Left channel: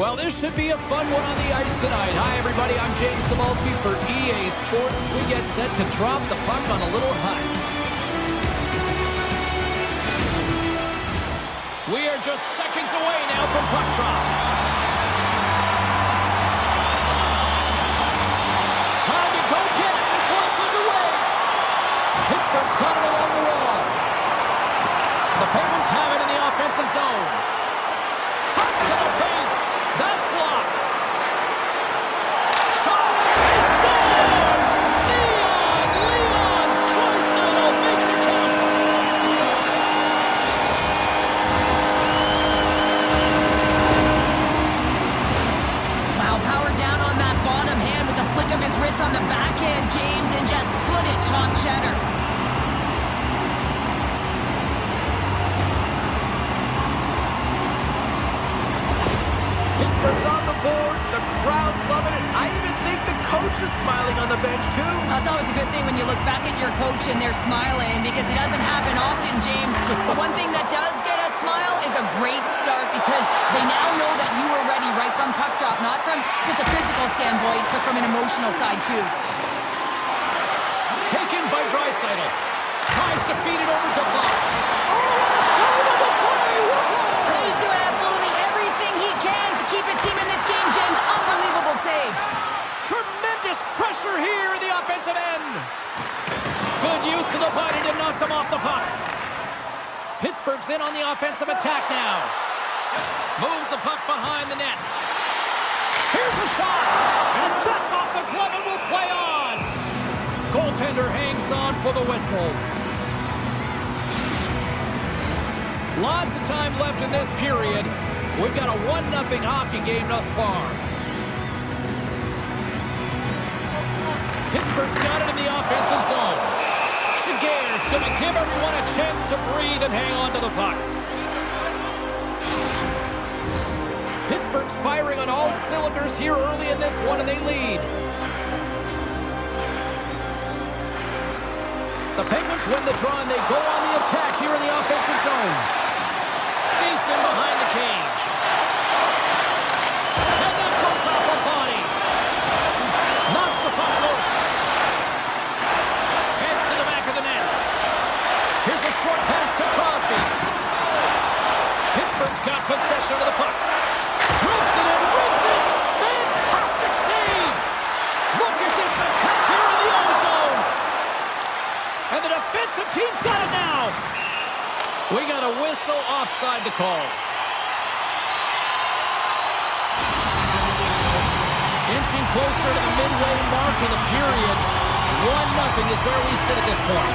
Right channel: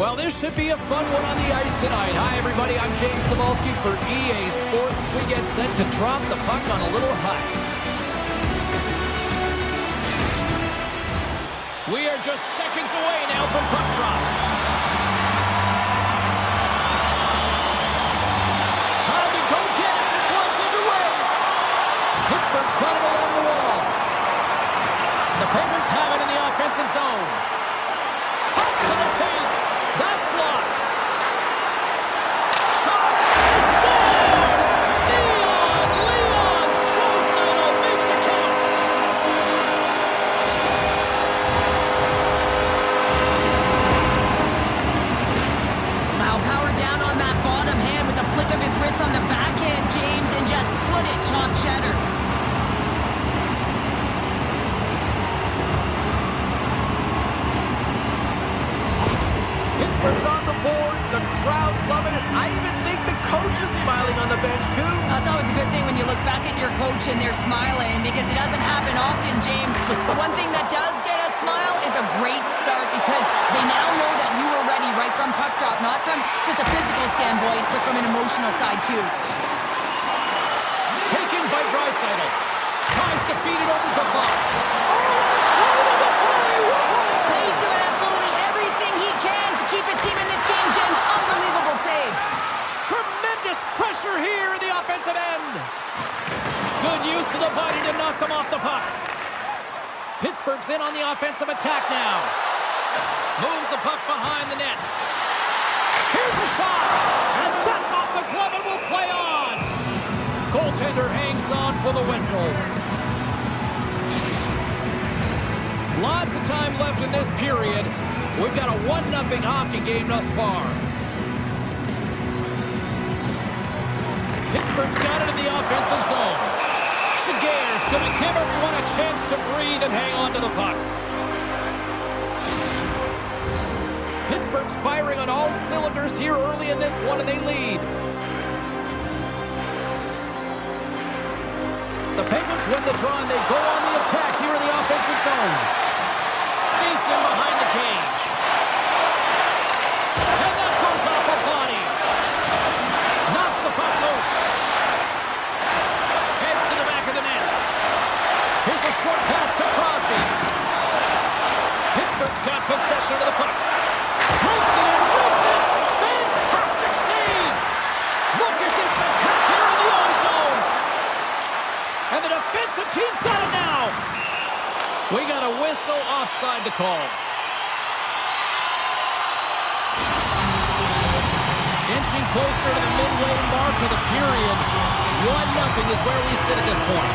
Well, this should be a fun one on the ice tonight. Hi, everybody. I'm James Cebulski for EA Sports. We get set to drop the puck on a little hut. We are just seconds away now from puck drop. Time to go get it. This one's underway. Pittsburgh's got it along the wall. The Penguins have it in the offensive zone. Cuts to the paint. That's blocked. Shot. He scores! Leon Draisaitl makes it count. Wow, power down on that bottom hand with a flick of his wrist on the backhand, James, and just put it top cheddar. Pittsburgh's on the board. The crowd's loving it. I even think the coach is smiling on the bench, too. That's always a good thing when you look back at your coach and they're smiling, because it doesn't happen often, James. But one thing that does get a smile is a great start, because they now know that you were ready right from puck drop, not from just a physical standpoint, but from an emotional side, too. Taken by Draisaitl. Tries to feed it over to Fox. Oh, what a side of the play! Whoa! He's doing absolutely everything he can to keep his team in this game, James. Unbelievable save. Tremendous pressure here in the offensive end. Good use of the body to knock them off the puck. Pittsburgh's in on the offensive attack now. Moves the puck behind the net. Here's a shot. And that's off the glove and will play on. Goaltender hangs on for the whistle. Lots of time left in this period. We've got a 1-0 hockey game thus far. Pittsburgh's got it in the offensive zone. Shigear's going to give everyone a chance to breathe and hang on to the puck. Pittsburgh's firing on all cylinders here early in this one, and they lead. The Penguins win the draw, and they go on the attack here in the offensive zone. Skates in behind the cage. And that goes off a body. Knocks the puck loose. Heads to the back of the net. Here's a short pass to Crosby. Pittsburgh's got possession of the puck. Rips it and rips it. Fantastic save. Look at this attack here in the own zone. And the defensive team's got it now. We got a whistle offside to call. Inching closer to the midway mark of the period. 1-0 is where we sit at this point.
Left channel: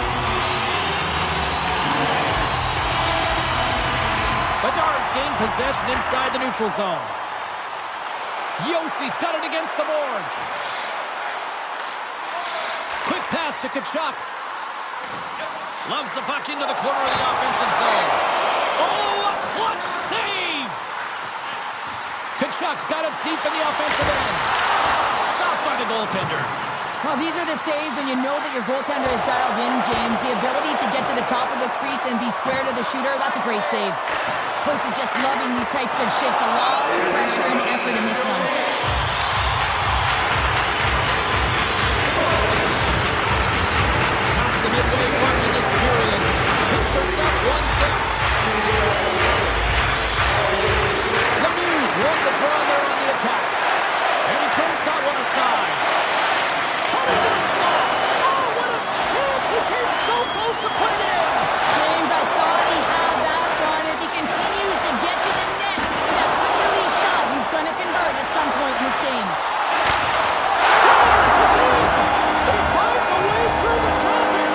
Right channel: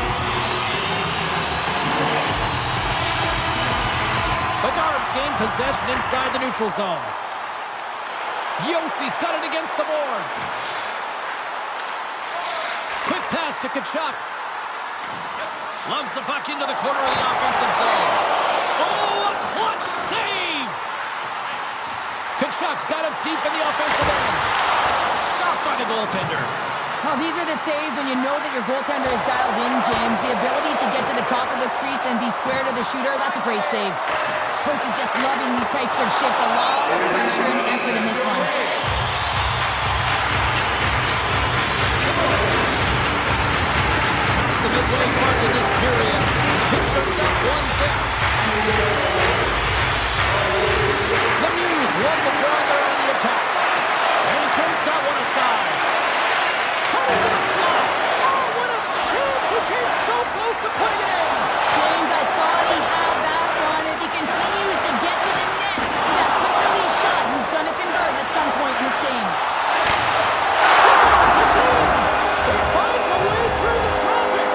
Bedard's gained possession inside the neutral zone. Yossi's got it against the boards. Quick pass to Tkachuk. Loves the puck into the corner of the offensive zone. Oh, a clutch save! Tkachuk's got it deep in the offensive end. Stopped by the goaltender. Well, these are the saves when you know that your goaltender is dialed in, James. The ability to get to the top of the crease and be square to the shooter, that's a great save. Coach is just loving these types of shifts. A lot of pressure and effort in this one. Past the midway mark in this period. Pittsburgh's up 1-0. Lemieux won the draw there on the attack. And he turns that one aside. Cut into the slot. Oh, what a chance! He came so close to putting it in. James, I thought he had that one. If he continues to get to the net with that quick release shot, he's going to convert at some point in this game. Scores! It's in! He finds a way through the traffic.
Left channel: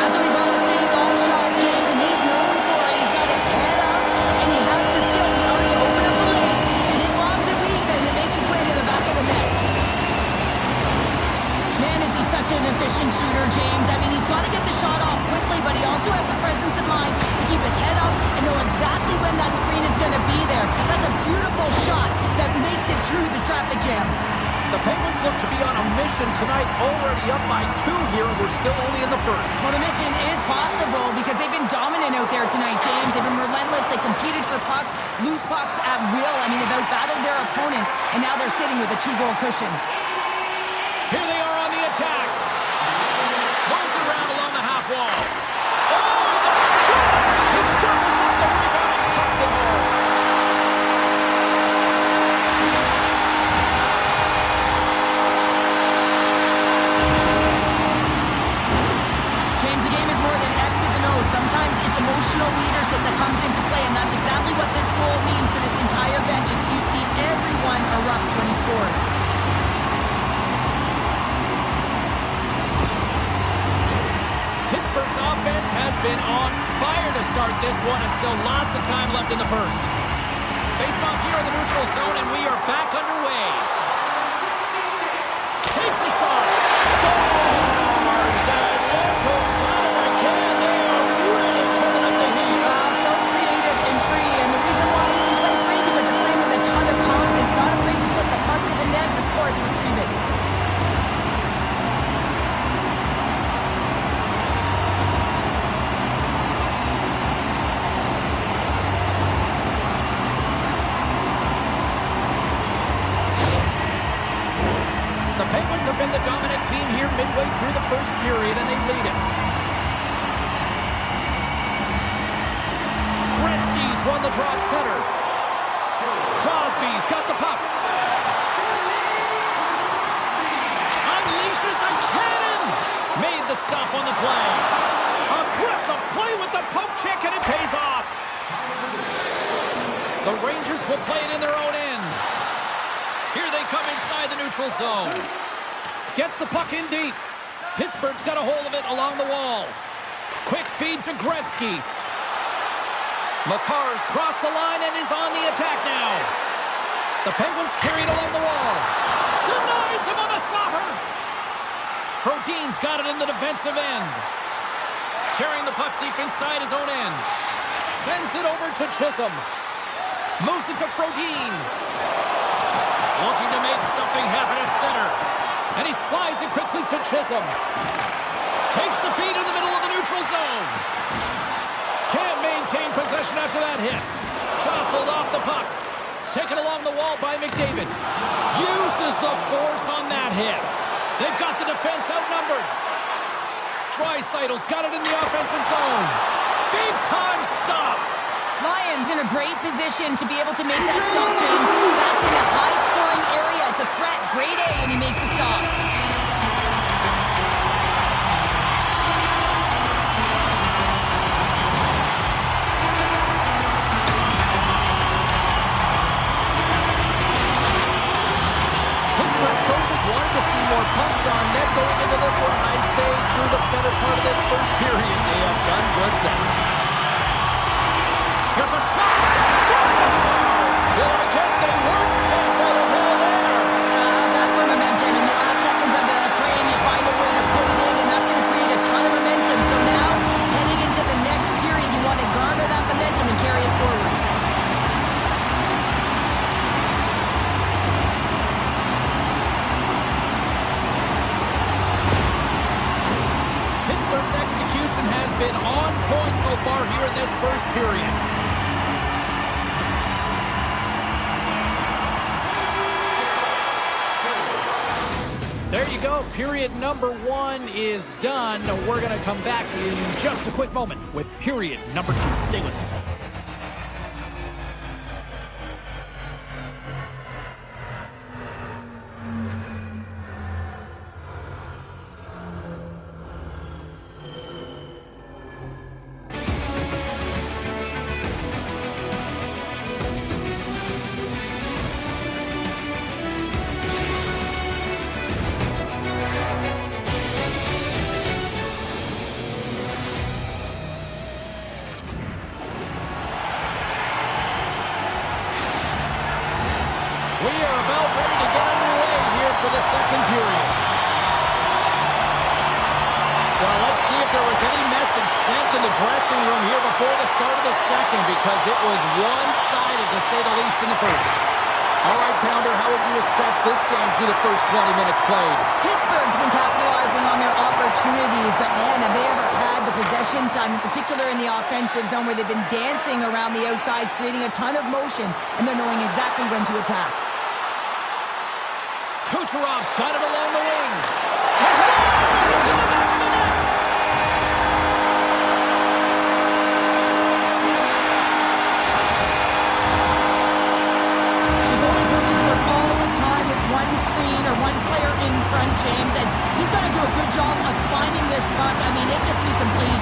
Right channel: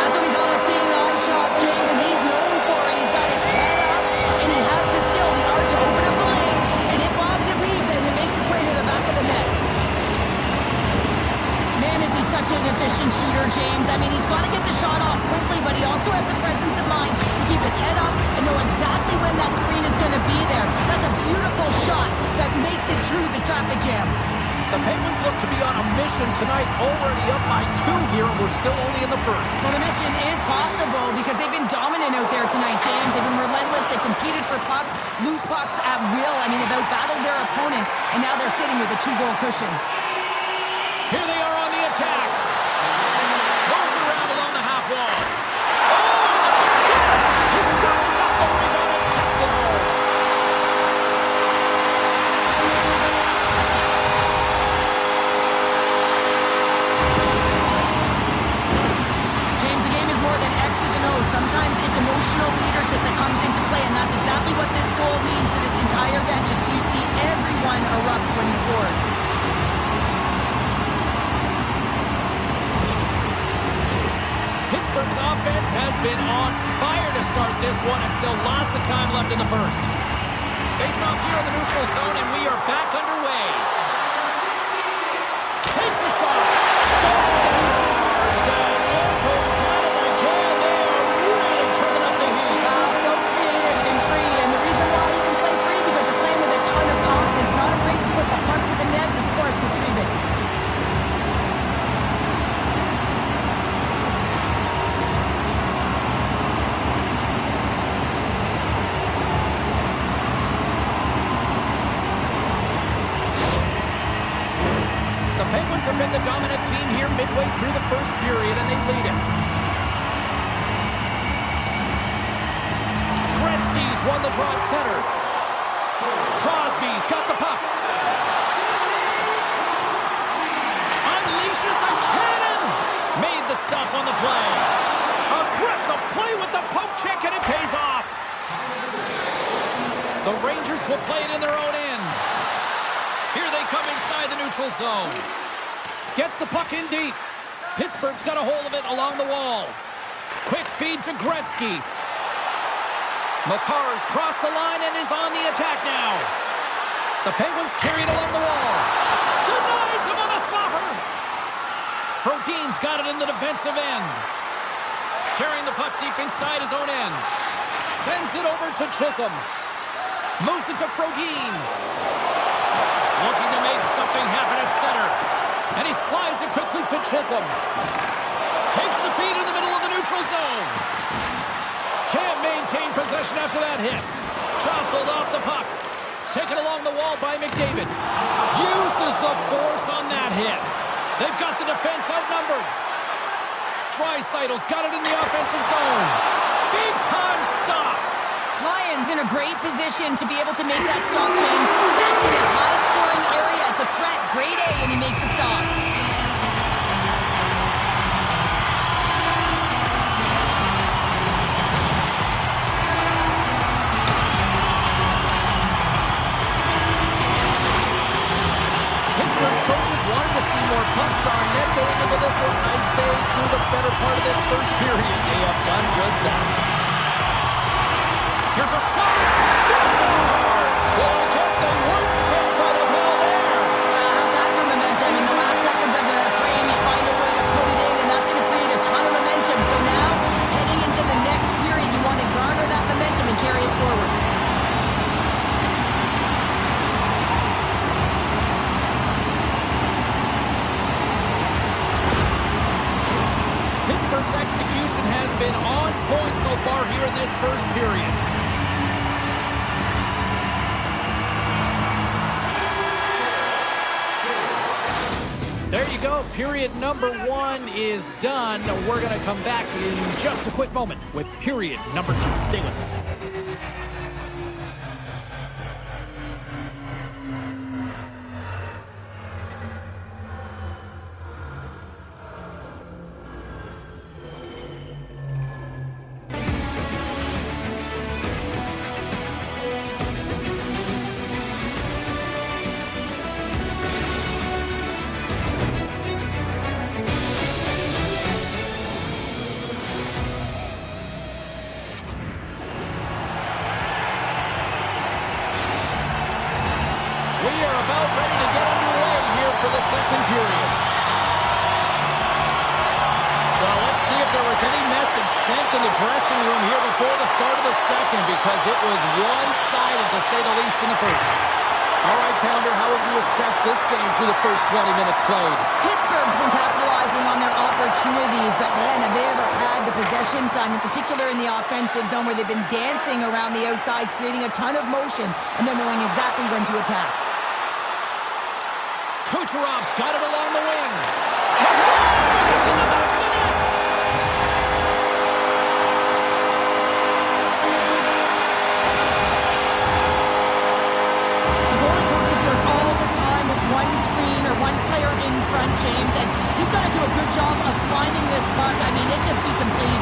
That's what we call a seeing-on shot, James, and he's known for it. He's got his head up, and he has the skill, the art to open up a lane, and it bobs and weaves, and it makes its way to the back of the net. Man, is he such an efficient shooter, James. I mean, he's got to get the shot off quickly, but he also has the presence of mind to keep his head up and know exactly when that screen is going to be there. That's a beautiful shot that makes it through the traffic jam. The Penguins look to be on a mission tonight, already up by 2 here, and we're still only in the first. Well, the mission is possible because they've been dominant out there tonight, James. They've been relentless. They competed for pucks, loose pucks at will. I mean, they've outbattled their opponent, and now they're sitting with a 2-goal cushion. Here they are on the attack. Moves it around along the half wall. Oh, and the scores! He goes up the rebound and tucks it home. James, the game is more than X's and O's. Sometimes it's emotional leadership that comes into play, and that's exactly what this goal means to this entire bench as you see everyone erupts when he scores. Pittsburgh's offense has been on fire to start this one, and still lots of time left in the first. Face off here in the neutral zone, and we are back underway. Takes a shot. Scores! And one goes out of the can. They are really turning up the heat. So creative and free, and the reason why you can play free because you're playing with a ton of confidence, not afraid to put the puck to the net, and of course retrieve it. The Penguins have been the dominant team here midway through the first period, and they lead it. Gretzky's won the draw at center. Crosby's got the puck. Unleashes a cannon! Made the stop on the play. Aggressive play with the poke check, and it pays off. The Rangers will play it in their own end. Here they come inside the neutral zone. Gets the puck in deep. Pittsburgh's got a hold of it along the wall. Quick feed to Gretzky. Makar's crossed the line and is on the attack now. The Penguins carry it along the wall. Denies him on the slapper. Frodin's got it in the defensive end. Carrying the puck deep inside his own end. Sends it over to Chisholm. Moves it to Frodin. Looking to make something happen at center. And he slides it quickly to Chisholm. Takes the feed in the middle of the neutral zone. Can't maintain possession after that hit. Jostled off the puck. Taken along the wall by McDavid. Uses the force on that hit. They've got the defense outnumbered. Draisaitl's got it in the offensive zone. Big time stop. Lions in a great position to be able to make that stop, James. That's in a high-scoring area. It's a threat. Grade A, and he makes the stop. Pittsburgh's coaches wanted to see more pucks on net going into this one. I'd say through the better part of this first period, they have done just that. Here's a shot! Scores! Well, I guess they weren't safe out of hell there. How's that for momentum? In the last seconds of the frame, you find a way to put it in, and that's going to create a ton of momentum. So now, heading into the next period, you want to garner that momentum and carry it forward. Pittsburgh's execution has been on point so far here in this first period. There you go. Period number 1 is done. We're going to come back in just a quick moment with period number 2. Stay with us. We are about ready to get underway here for the second period. Well, let's see if there was any message sent in the dressing room here before the start of the second, because it was one-sided, to say the least, in the first. All right, Pounder, how would you assess this game through the first 20 minutes played? Pittsburgh's been capitalizing on their opportunities, but man, have they ever had the possession time, in particular in the offensive zone, where they've been dancing around the outside, creating a ton of motion, and they're knowing exactly when to attack. Kucherov's got it along the wing. It's in the back of the net. Goalie coaches work all the time with one screen or one player in front, James, and he's got to do a good job of finding this puck. I mean, it just beats him clean.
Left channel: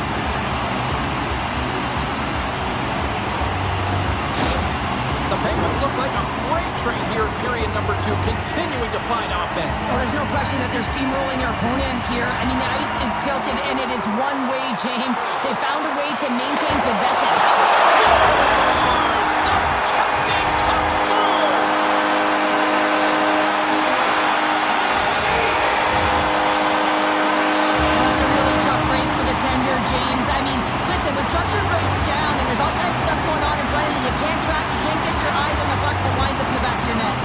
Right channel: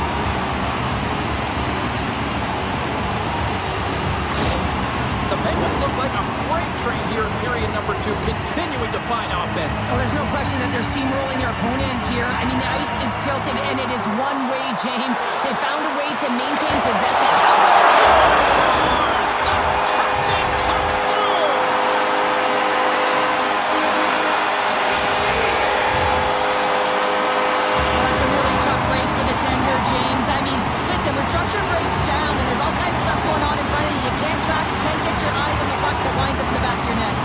The Penguins look like a freight train here in period number 2, continuing to find offense. Oh, there's no question that they're steamrolling their opponent here. I mean, the ice is tilted, and it is one way, James. They found a way to maintain possession. Scores! The captain comes through! Well, that's a really tough break for the tender, James. I mean, listen, when structure breaks down and there's all kinds of stuff going on in front of you, you can't track, you can't get your eyes on the puck that winds up in the back of your net.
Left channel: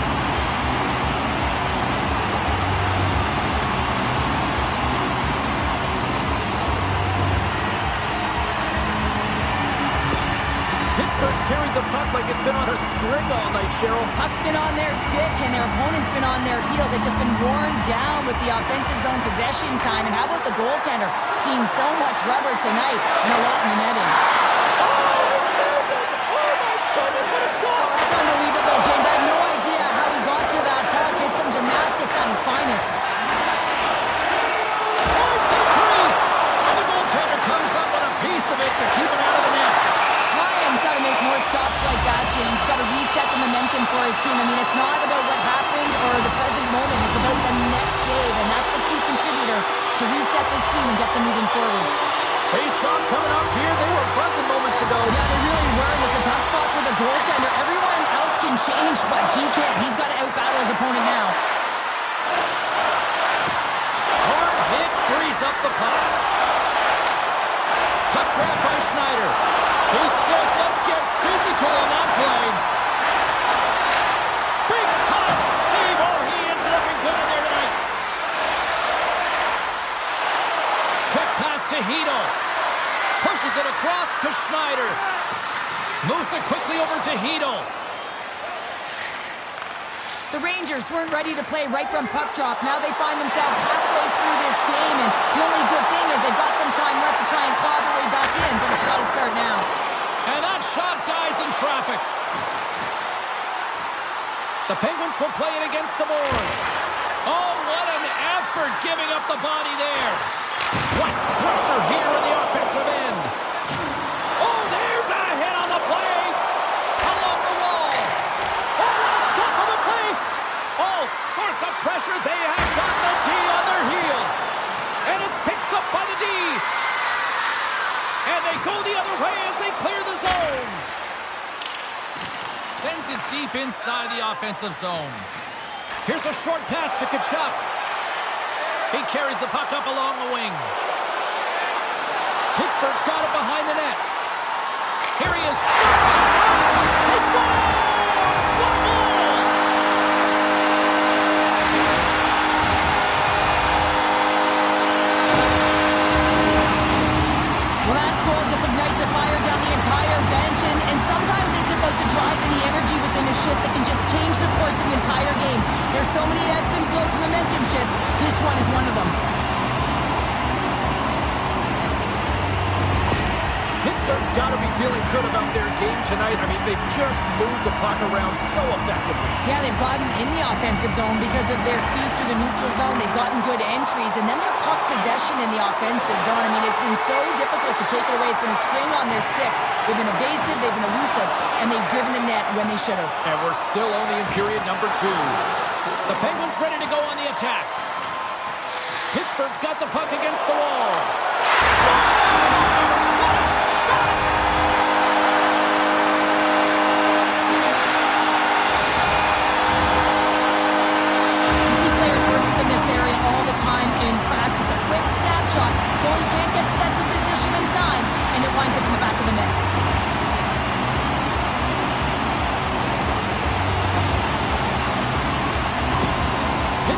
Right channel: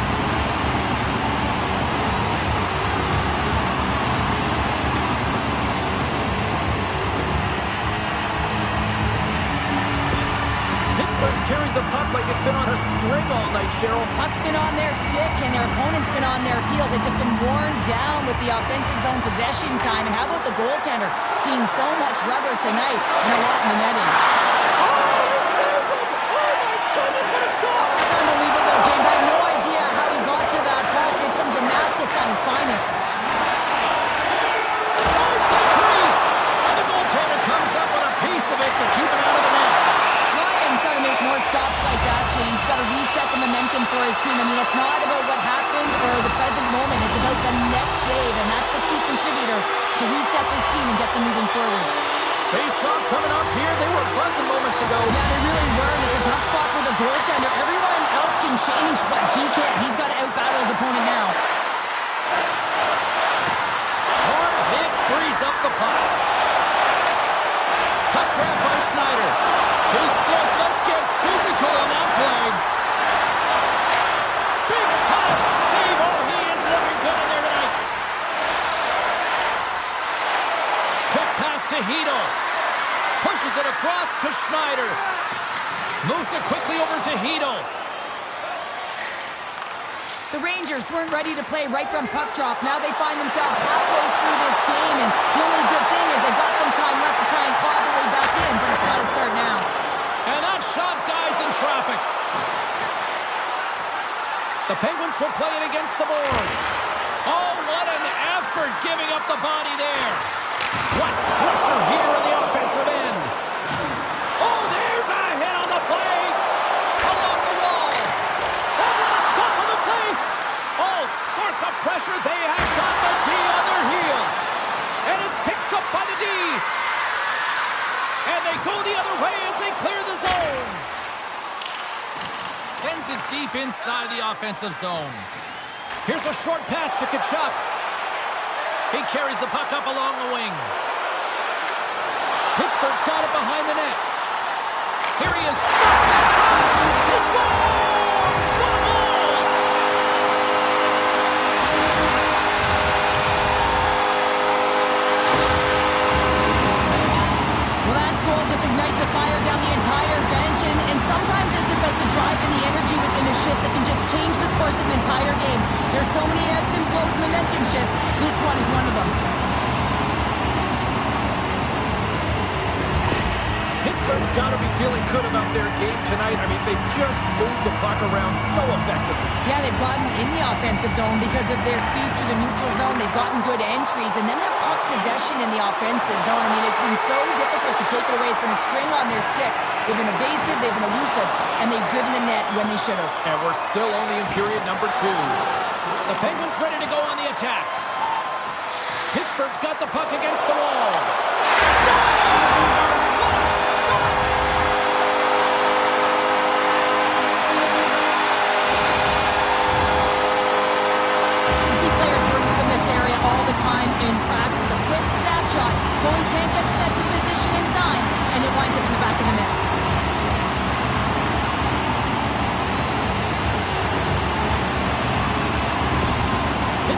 Pittsburgh's carried the puck like it's been on a string all night, Cheryl. Puck's been on their stick, and their opponent's been on their heels. They've just been worn down with the offensive zone possession time. And how about the goaltender? Seeing so much rubber tonight and a lot in the netting. Oh, he saved it! Oh, my goodness, what a Oh, stop! that's unbelievable, James. I have no idea how he got to that puck. It's some gymnastics at its finest. Drives to the crease! And the goaltender comes up with a piece of it to keep it out of the net. Ryan's got to make more stops like that, James. Got to reset the momentum for his team. I mean, it's not about what happened or the present moment. It's about the next save, and that's the key contributor to reset this team and get them moving forward. Face-off coming up here. They were buzzing moments ago. Yeah, they really were, and it's a tough spot for the goaltender. Everyone else can change, but he can't. He's got to out-battle his opponent now. Hard hit frees up the puck. Puck grab by Schneider. He says, let's get physical on that play. Big time save. Oh, he is looking good in there tonight. Quick pass to Hedel. Pushes it across to Schneider. Moves it quickly over to Hedel. The Rangers weren't ready to play right from puck drop. Now they find themselves halfway through this game, and the only good thing is they've got some time left to try and claw their way back in, but it's got to start now. And that shot dies in traffic. The Penguins will play it against the boards. Oh, what an effort giving up the body there. What pressure here in the offensive end. Oh, there's a hit on the play. Along the wall. Oh, what a stop on the play. All sorts of pressure. They have got the D on their heels. And it's picked up by the D. And they go the other way as they clear the zone. Sends it deep inside the offensive zone. Here's a short pass to Tkachuk. He carries the puck up along the wing. Pittsburgh's got it behind the net. Here he is, shot inside. He scores! What a goal! Well, that goal just ignites a fire down the entire bench, and sometimes it's about the drive and the energy within a shift that can just change the course of an entire game. There's so many ebbs and flows, momentum shifts. This one is one of them. Pittsburgh's got to be feeling good about their game tonight. I mean, they just moved the puck around so effectively. Yeah, they've gotten in the offensive zone because of their speed through the neutral zone. They've gotten good entries, and then their puck possession in the offensive zone. I mean, it's been so difficult to take it away. It's been a string on their stick. They've been evasive, they've been elusive, and they've driven the net when they should have. And we're still only in period number 2. The Penguins ready to go on the attack. Pittsburgh's got the puck against the wall. Scores! What a shot! You see players working from this area all the time in practice. A quick snapshot. Goalie can't get set to position in time, and it winds up in the back of the net.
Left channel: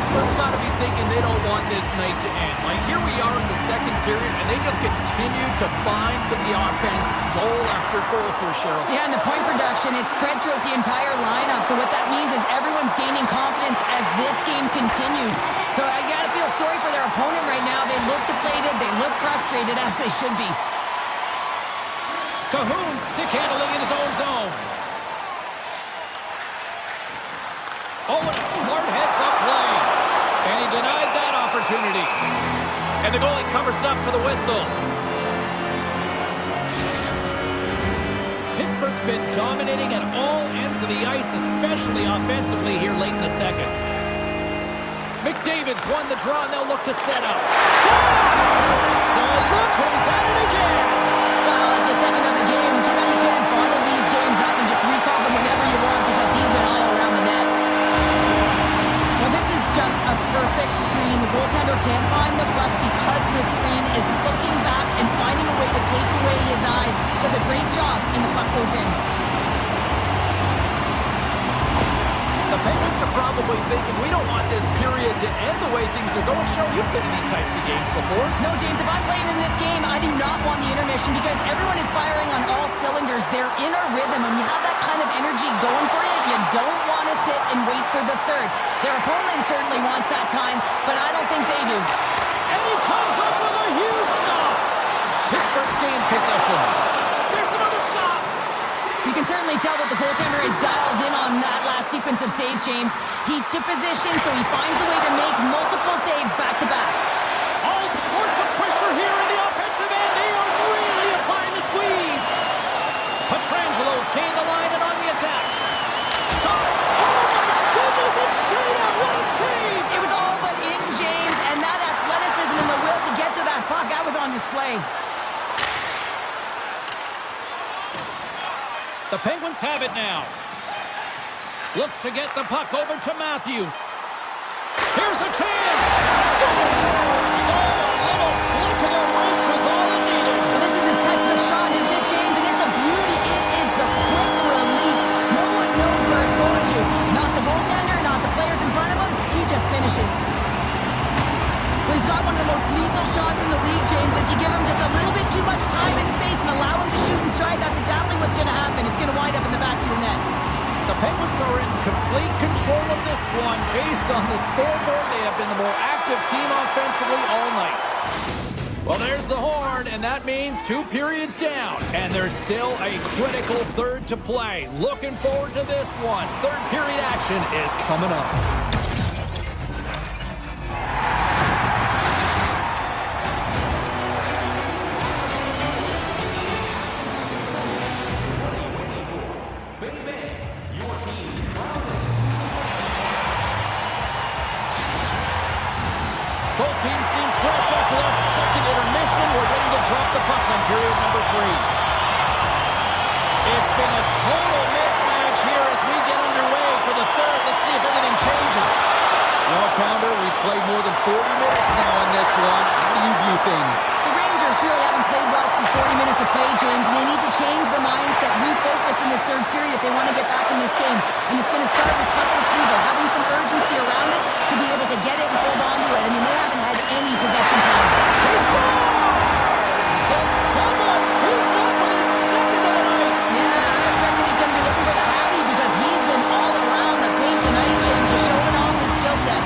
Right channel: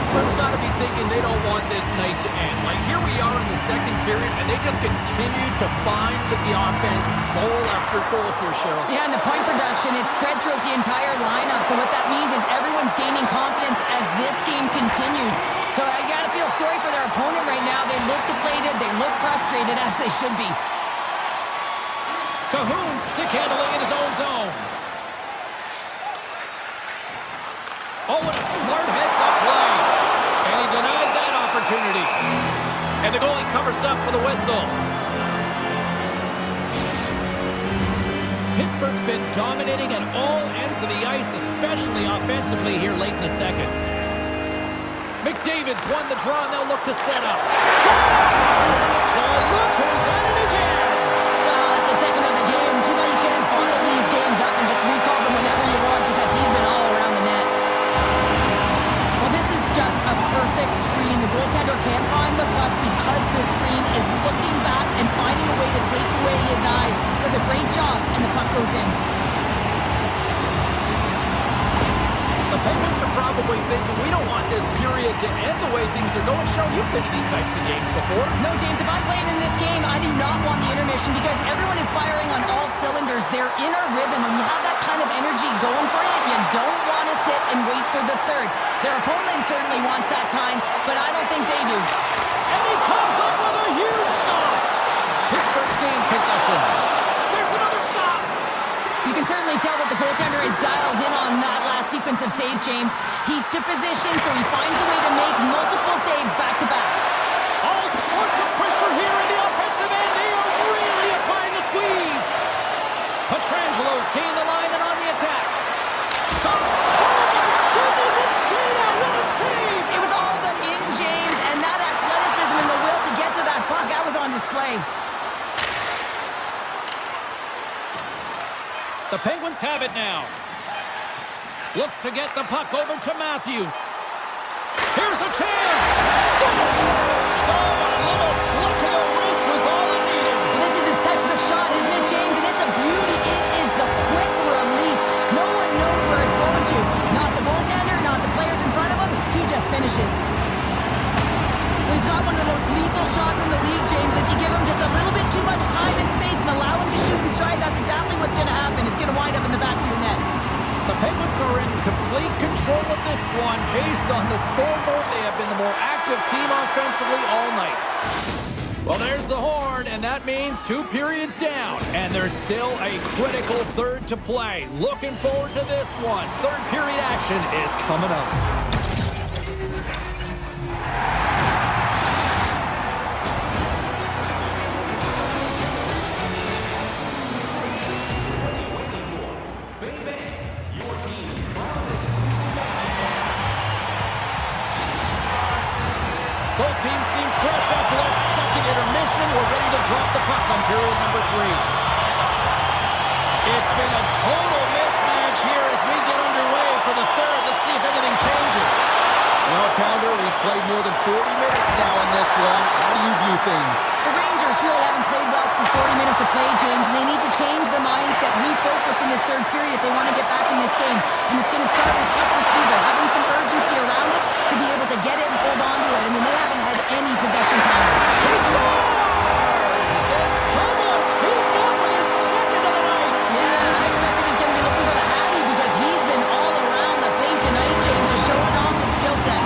Pittsburgh's got to be thinking they don't want this night to end. Like, here we are in the second period, and they just continue to find the offense goal after goal here, Cheryl. Yeah, and the point production is spread throughout the entire lineup. So what that means is everyone's gaining confidence as this game continues. So I got to feel sorry for their opponent right now. They look deflated. They look frustrated, as they should be. Cahoon stick handling in his own zone. Oh, what a smart heads-up play. And he denied that opportunity. And the goalie covers up for the whistle. Pittsburgh's been dominating at all ends of the ice, especially offensively here late in the second. McDavid's won the draw, and they'll look to set up. Scores! And look who's at it again. Well, it's the second of the game. Too bad you can't bottle these games up and just recall them whenever you want because he's been all around the net. Well, this is just a perfect screen. The goaltender can't find the puck because the screen is looking back and finding a way to take away his eyes. Does a great job, and the puck goes in. The Penguins are probably thinking, we don't want this period to end the way things are going. Cheryl, you've been in these types of games before. No, James, if I'm playing in this game, I do not want the intermission because everyone is firing on all cylinders. They're in a rhythm, and you have that kind of energy going for you. You don't want to sit and wait for the third. Their opponent certainly wants that time, but I don't think they do. And he comes up with a huge stop. Pittsburgh's gained possession. There's another stop. You can certainly tell that the goaltender is dialed in on that last sequence of saves, James. He's to position, so he finds a way to make multiple saves back-to-back. All sorts of pressure here in the offensive end. They are really applying the squeeze. Petrangelo's gained the line and on the attack. Shot. Oh, my goodness, it stayed out. What a save. It was all but in, James, and that athleticism and the will to get to that puck, that was on display. The Penguins have it now. Looks to get the puck over to Matthews. Here's a chance. Scores! Oh, a little flick of the wrist was all it needed. Well, this is his textbook shot, isn't it, James? And it's a beauty. It is the quick release. No one knows where it's going to. Not the goaltender, not the players in front of him. He just finishes. Well, he's got one of the most lethal shots in the league, James. If you give him just a little bit too much time and space and allow him to shoot and strike, that's exactly what's going to happen. It's going to wind up in the back of your net. The Penguins are in complete control of this one. Based on the scoreboard, they have been the more active team offensively all night. Well, there's the horn, and that means 2 periods down. And there's still a critical third to play. Looking forward to this one. Third period action is coming up. Both teams seem fresh after that second intermission. We're ready to drop the puck on period number 3. It's been a total mismatch here as we get underway for the third. Let's see if anything changes. Well, Pounder, we've played more than 40 minutes now in this one. How do you view things? The Rangers really haven't played well for 40 minutes of play, James, and they need to change the mindset, refocus in this third period if they want to get back in this game. And it's going to start with puck retrieval, having some urgency around it to be able to get it and hold on to it. I mean, they haven't had any possession time. He scores! And someone's heating up with his second of the night. Yeah, I expect that he's going to be looking for the Hattie because he's been all around the paint tonight, James, just showing off his skill set.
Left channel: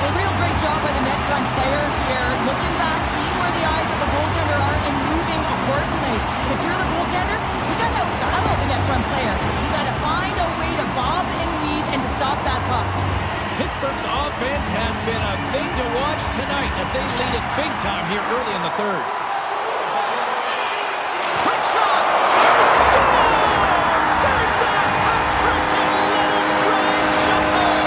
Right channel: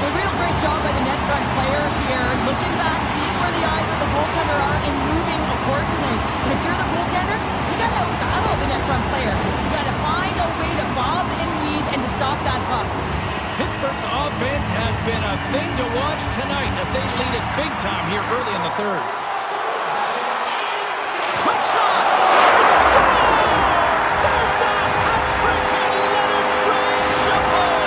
A real great job by the net front player here, looking back, seeing where the eyes of the goaltender are, and moving accordingly. And if you're the goaltender, you got to outbattle the net front player. You got to find a way to bob and weave and to stop that puck. Pittsburgh's offense has been a thing to watch tonight as they lead it big time here early in the third. Quick shot! And he scores! There's the hat trick and let it rain Chapeau!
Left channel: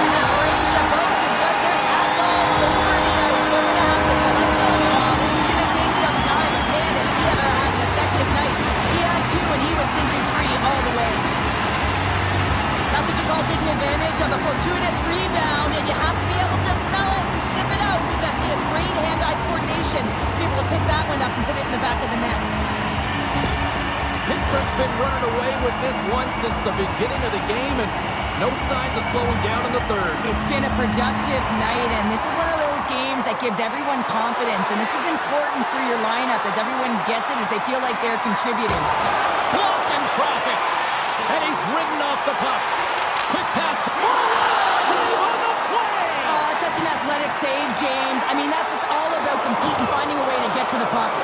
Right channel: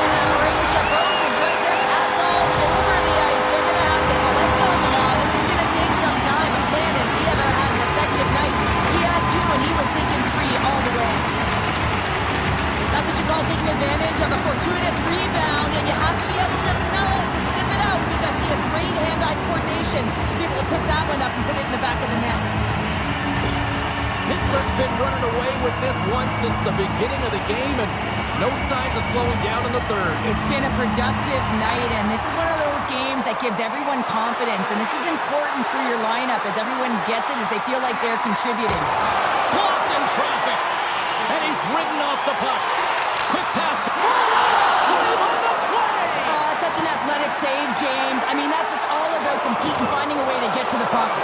Yeah, Rain Chapeau is right there. Hats all over the ice. They're going to have to collect them. Oh, this is going to take some time, but man, has he ever had an effective night. He had 2, and he was thinking 3 all the way. That's what you call taking advantage of a fortuitous rebound, and you have to be able to smell it and sniff it out because he has great hand-eye coordination to be able to pick that one up and put it in the back of the net. Pittsburgh's been running away with this one since the beginning of the game, and No signs of slowing down in the third. It's been a productive night, and this is one of those games that gives everyone confidence, and this is important for your lineup as everyone gets it, as they feel like they're contributing. Blocked in traffic, and he's ridden off the puck. Quick pass to... save on the play! Oh, it's such an athletic save, James. I mean, that's just all about competing, finding a way to get to the puck.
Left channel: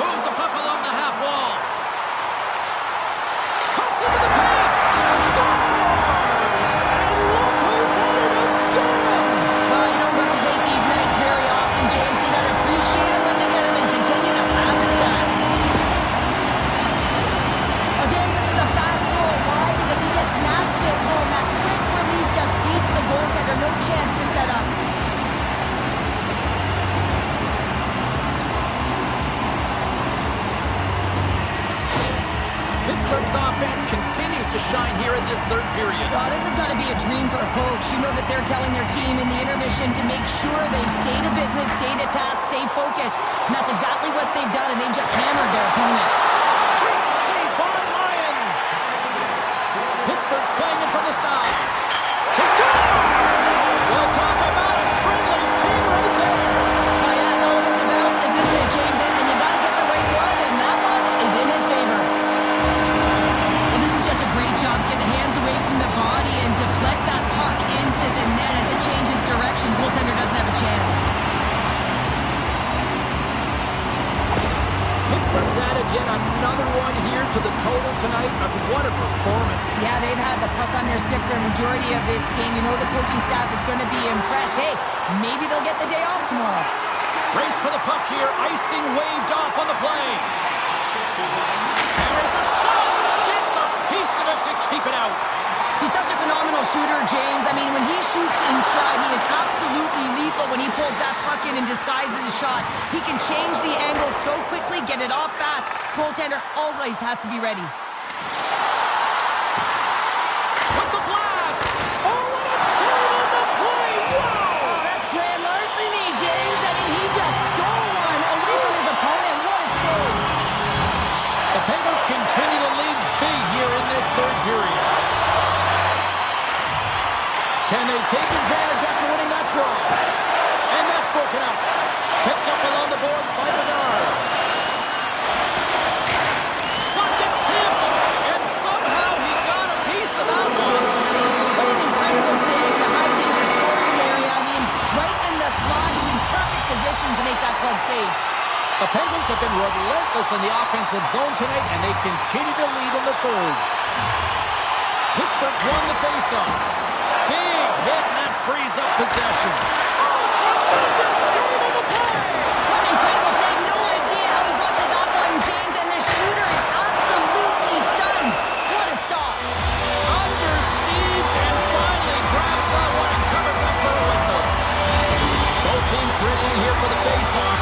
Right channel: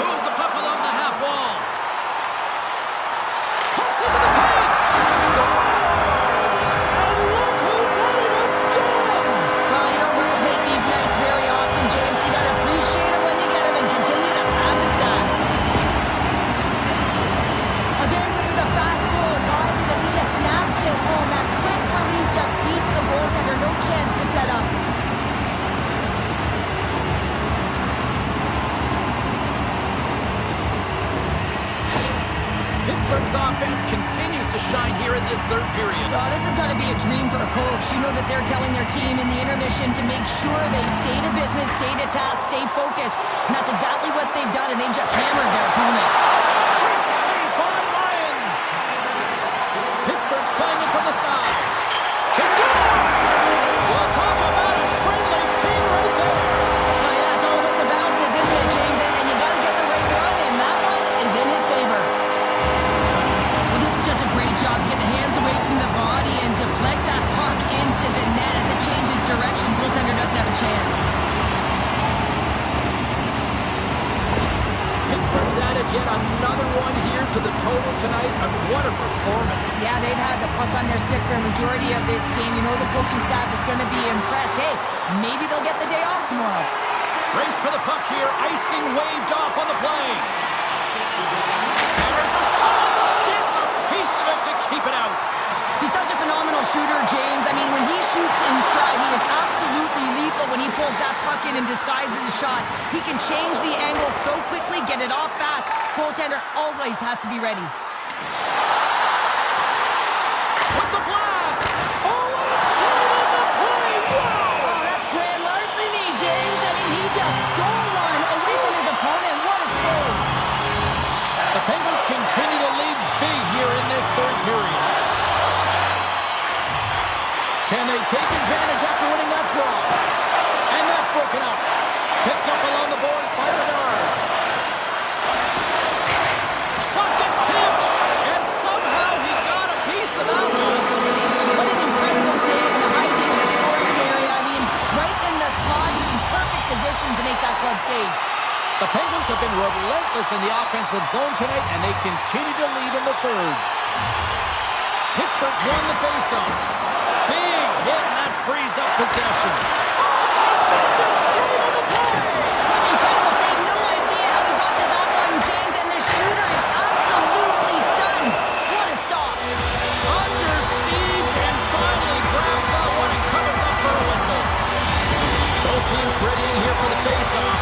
Moves the puck along the half wall. Cuts into the paint! Scores! And look who's at it again! Well, you don't replicate these nights very often, James. You gotta appreciate them when you get them and continue to pad the stats. Oh, James, this is a fast goal. Why? Because he just snaps it home. That quick release just beats the goaltender. No chance to set up. Pittsburgh's offense continues to shine here in this third period. Oh, this has got to be a dream for a coach. You know that they're telling their team in the intermission to make sure they stay to business, stay to task, stay focused. And that's exactly what they've done, and they just hammered their opponent. Great save by Lyon. Pittsburgh's playing it from the side. He scores! Well, talk about a friendly ping right there. Oh, yeah, it's all about the bounces, isn't it, James? And you got to get the right one, and that one is in his favor. Well, this is just a great job to get the hands away from the body and deflect that puck into the net as it changes direction. Goaltender doesn't have a chance. Pittsburgh's added yet another one here to the total tonight. And what a performance. Yeah, they've had the puck on their stick for a majority of this game. You know the coaching staff is going to be impressed. Hey, maybe they'll get the day off tomorrow. Race for the puck here. Icing waved off on the play. There's a shot. Gets a piece of it to keep it out. He's such a phenomenal shooter, James. I mean, when he shoots in stride, he is absolutely lethal when he pulls that puck in and disguises his shot. He can change the angle so quickly, get it off fast. Goaltender always has to be ready. With the blast! Oh, what a save on the play! Wow! Oh, that's grand larceny, James. I mean, he just stole one away from his opponent. What a save. The Penguins continue to lead big here in this third period. Can they take advantage after winning that draw? And that's broken up. Picked up along the boards by Bedard. Shot gets tipped, and somehow he got a piece of that one. What an incredible save in a high-danger scoring area. I mean, right in the slot, he's in perfect position to make that glove save. The Penguins have been relentless in the offensive zone tonight, and they continue to lead in the third. Pittsburgh's won the faceoff. Big hit, and that frees up possession. Oh, tremendous save on the play! What an incredible save. No idea how he got to that one, James, and the shooter is absolutely stunned. What a stop. Under siege, and finally grabs that one and covers up for a whistle. Both teams readying here for the faceoff.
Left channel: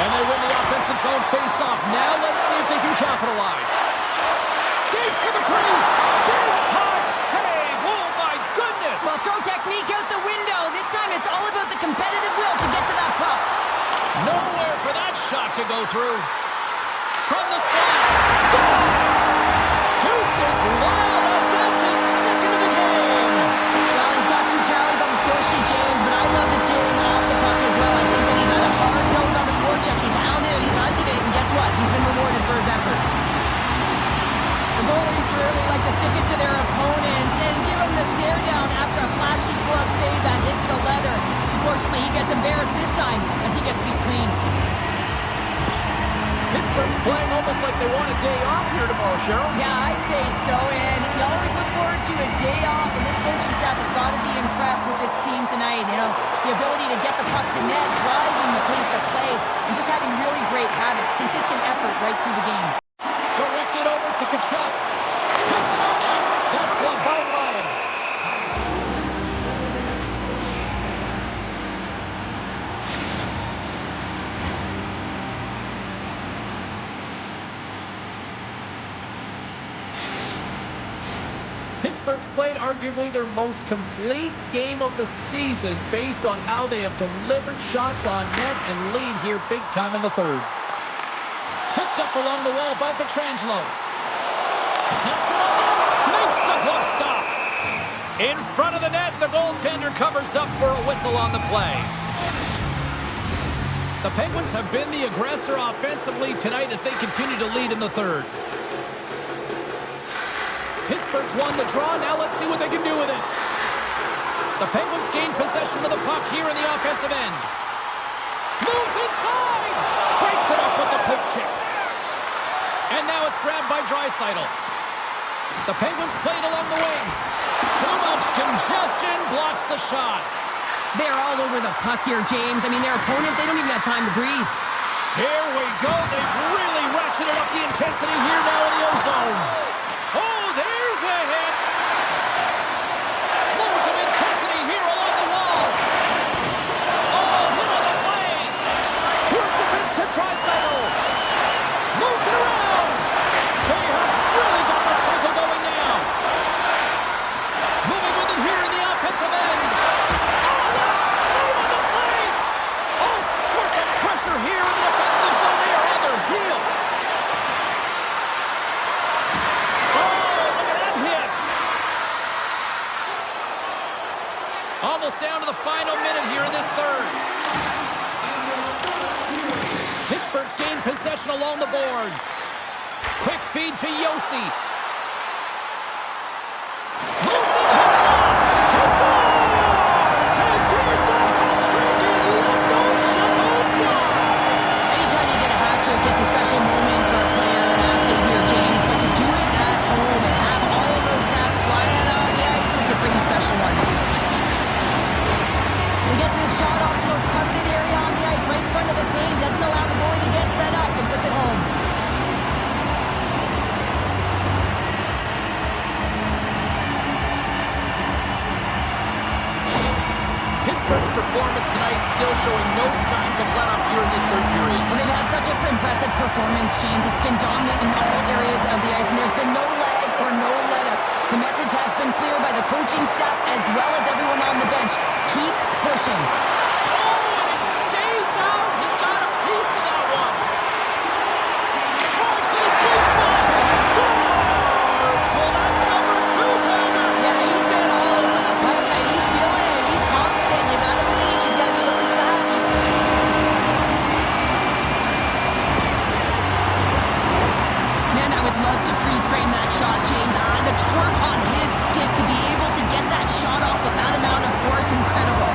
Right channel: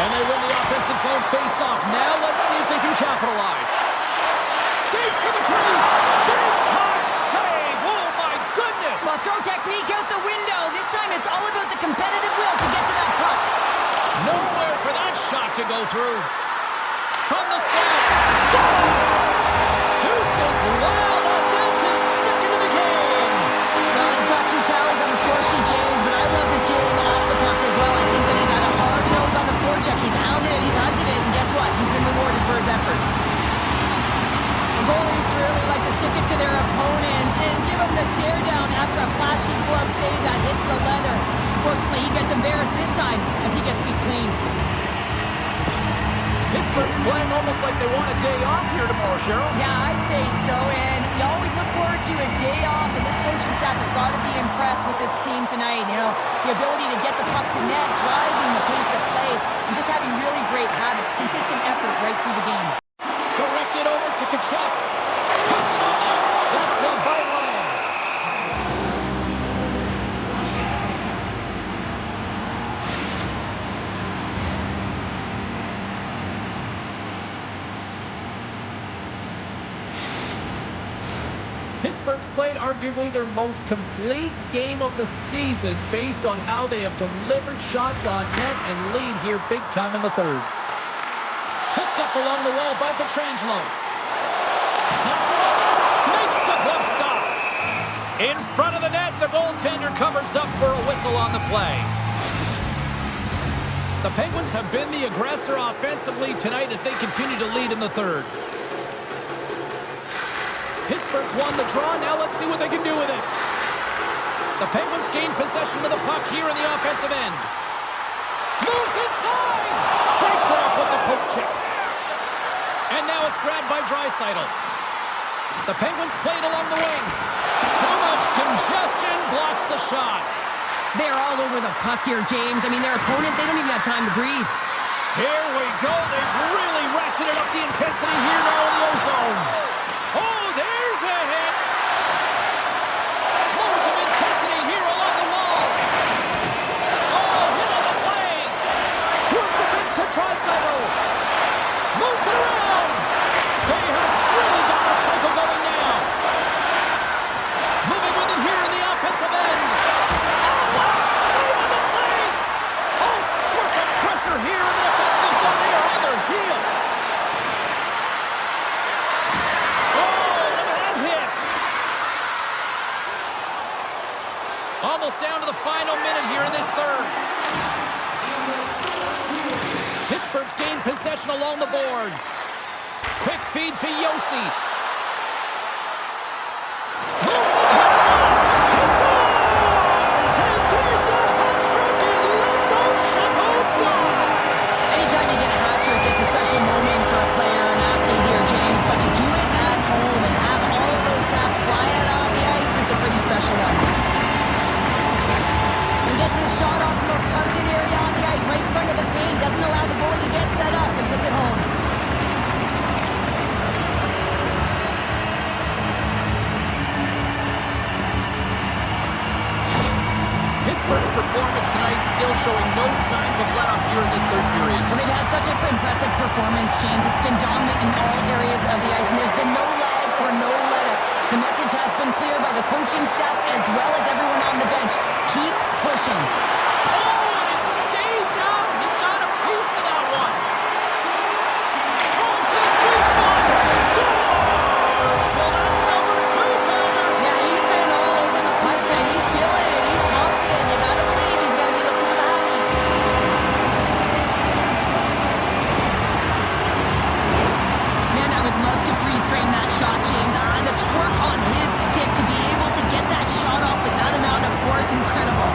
And they win the offensive zone face-off. Now let's see if they can capitalize. Skates to the crease. Big-time save. Oh, my goodness. Well, throw technique out the window. This time it's all about the competitive will to get to that puck. Nowhere for that shot to go through. From the slot. Scores! Deuces wild as that's his second of the game. Well, he's got 2 tallies on the score sheet, James, but I love his game off the puck as well. I think that he's had a hard nose on the forecheck. He's hounded it, he's hunted it, and guess what? He's been rewarded for his efforts. The goalies really like to stick it to their opponents and give them the stare down after a flashy glove save that hits the leather. Unfortunately, he gets embarrassed this time as he gets beat clean. Pittsburgh's playing almost like they want a day off here tomorrow, Cheryl. Yeah, I'd say so, and you always look forward to a day off, and this coaching staff has got to be impressed with this team tonight. You know, the ability to get the puck to net, driving the pace of play, and just having really great habits, consistent effort right through the game. Directed over to Kachuk. That's one by Ryan. Pittsburgh's played arguably their most complete game of the season based on how they have delivered shots on net and lead here big time in the third. Hooked up along the wall by Pietrangelo. Snaps it up. Makes the glove stop. In front of the net, the goaltender covers up for a whistle on the play. The Penguins have been the aggressor offensively tonight as they continue to lead in the third. Pittsburgh's won the draw. Now let's see what they can do with it. The Penguins gain possession of the puck here in the offensive end. Moves inside! Breaks it up with the poke check. And now it's grabbed by Draisaitl. The Penguins played along the wing. Too much congestion blocks the shot. They're all over the puck here, James. I mean, their opponent, they don't even have time to breathe. Here we go. They've really ratcheted up the intensity here now in the O-zone. Oh, there's a hit. Loads of intensity here along the wall. Oh, hit on the play. Here's the pitch to Draisaitl. Moves it around. They have really got the cycle going now. Moving with it here in the offensive end. Oh, what a save on the play. All sorts of pressure here in the defensive zone. They are on their heels. Almost down to the final minute here in this third. Pittsburgh's gained possession along the boards. Quick feed to Yossi. Moves it. He scores! And there's the hat trick and let those shovels fly. Anytime you get a hat trick, it's a special moment for a player, an athlete here, James. But to do it at home and have all of those caps fly out on the ice, it's a pretty special one. He gets his shot off the most coveted area on the ice, right in front of the paint. Doesn't allow the goalie to get set up and puts it home. Pittsburgh's performance tonight still showing no signs of let-up here in this third period. Well, they've had such an impressive performance, James. It's been dominant in all areas of the ice, and there's been no lag or no let-up. The message has been clear by the coaching staff as well as everyone on the bench. Keep pushing. Oh, and it stays out. He got a piece of that one. Drives to the sweet spot. Scores! Well, that's number 2-pounder. Yeah, he's been all over the puck tonight. He's feeling it. He's confident. You gotta believe he's gotta be looking for the happy. Man, I would love to freeze frame that shot, James. The torque on his stick to be able to get that shot off with that amount of force, incredible.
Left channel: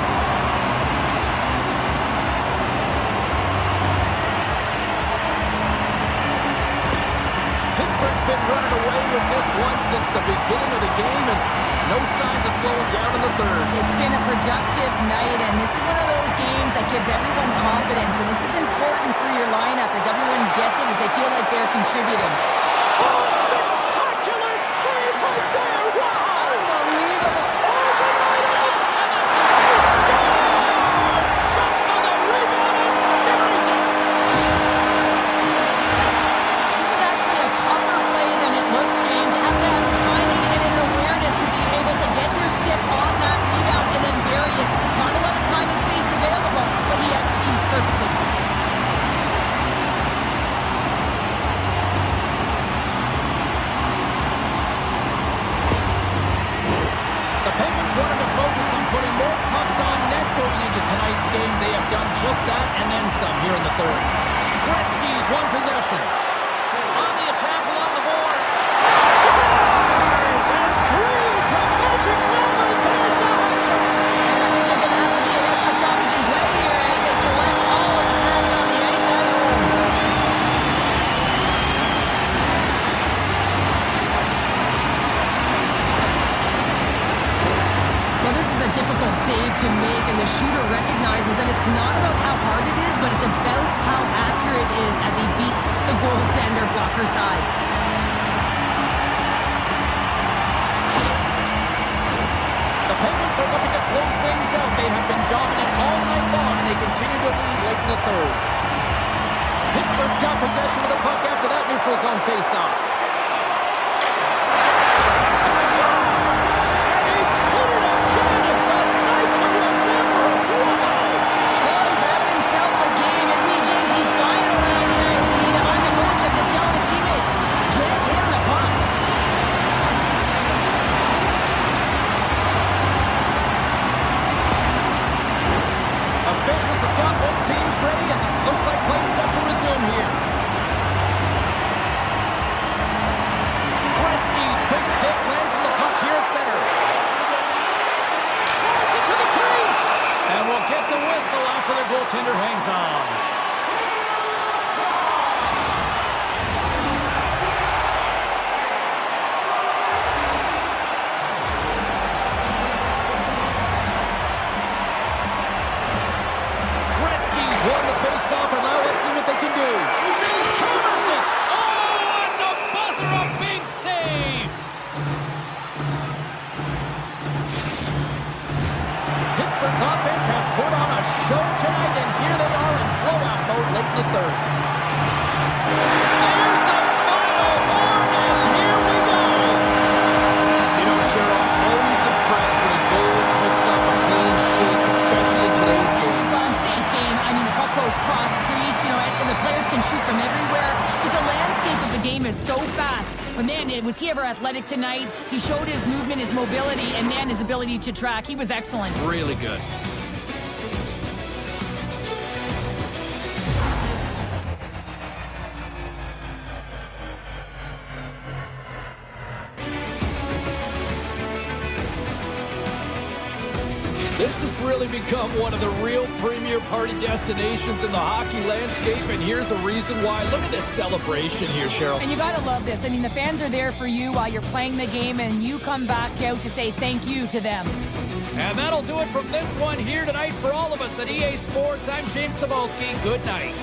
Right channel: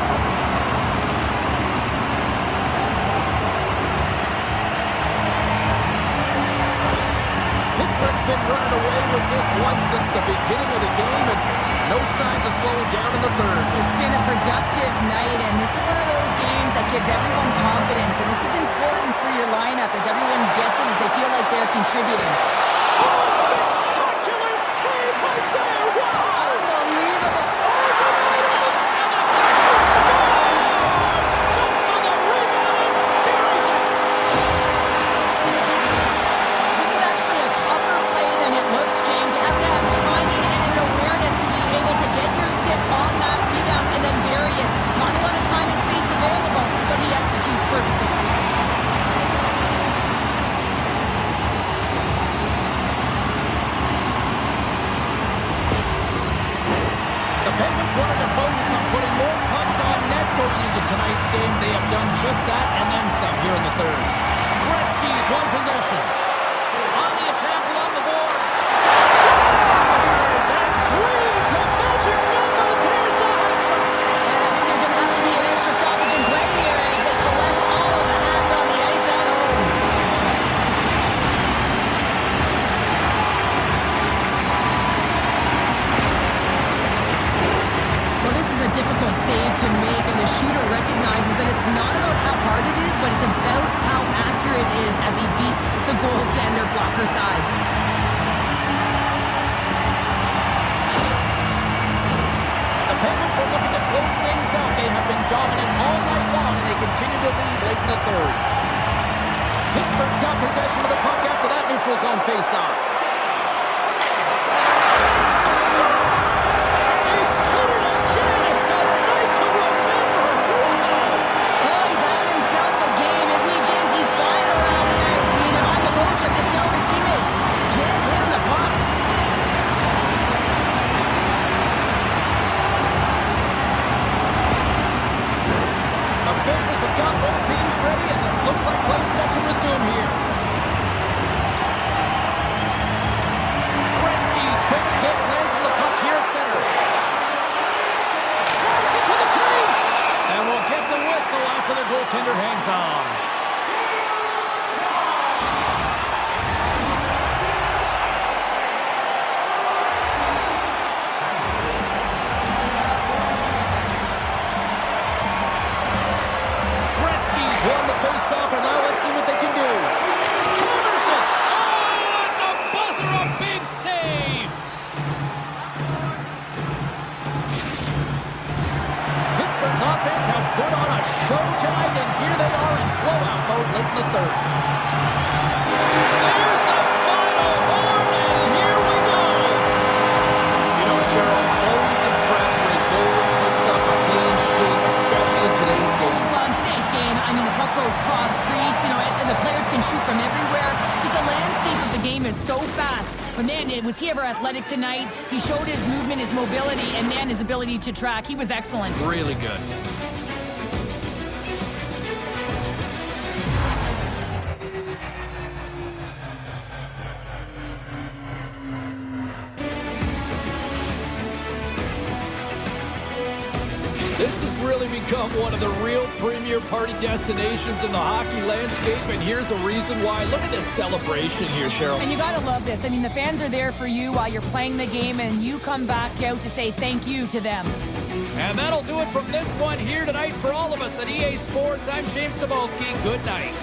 Pittsburgh's been running away with this one since the beginning of the game, and no signs of slowing down in the third. It's been a productive night, and this is one of those games that gives everyone confidence, and this is important for your lineup as everyone gets it, as they feel like they're contributing. Oh, spectacular save right there! Wow! Unbelievable! Oh, denied him! And he scores! Jumps on the rebound and buries it! This is actually a tougher play than it looks, James. You have to have timing and an awareness to be able to get your stick on that rebound and then bury it. Not a lot of time and space available, but he executes perfectly. The Penguins wanted to focus on putting more pucks on net going into tonight's game. They have done just that and then some here in the third. Gretzky's won possession. On the attack along the boards. Scores! And 3 is the magic number. There's the hat trick. And I think there's going to have to be an extra stoppage in play here as they collect all of the hats on the ice at home. Well, this is a difficult save to make, and the shooter recognizes that it's not about how hard it is, but it's about how accurate it is as he beats the goaltender blocker side. The Penguins are looking to close things out. They have been dominant all night long, and they continue to lead late in the third. Pittsburgh's got possession of the puck after that neutral zone faceoff. have got both teams ready, and it looks like play set to resume here. Gretzky's quick stick lands on the puck here at center. Drives it to the crease, and we'll get the whistle after the goaltender hangs on. Won the face-off, and now let's see what they can do. Hammers it! Oh, at the buzzer, a big save! Pittsburgh's offense has put on a show tonight, and here they are in blowout mode late in the third. There's the final horn, and here we go! You know, Cheryl, always impressed when a goalie puts up a clean sheet, especially in today's game. Well, in today's game, I mean, the puck goes cross-crease, you know, and the players can shoot from everywhere. Just the landscape of the game is so fast. But, man, was he ever athletic tonight? He showed his movement, his mobility, and, man, his ability to track. He was excellent. Really good. This has really become one of the real premier party destinations in the hockey landscape, and here's a reason why. Look at this celebration here, Cheryl. And you gotta love this. I mean, the fans are there for you while you're playing the game, and you come back out to say thank you to them. And that'll do it from this one here tonight for all of us at EA Sports. I'm James Cebulski. Good night.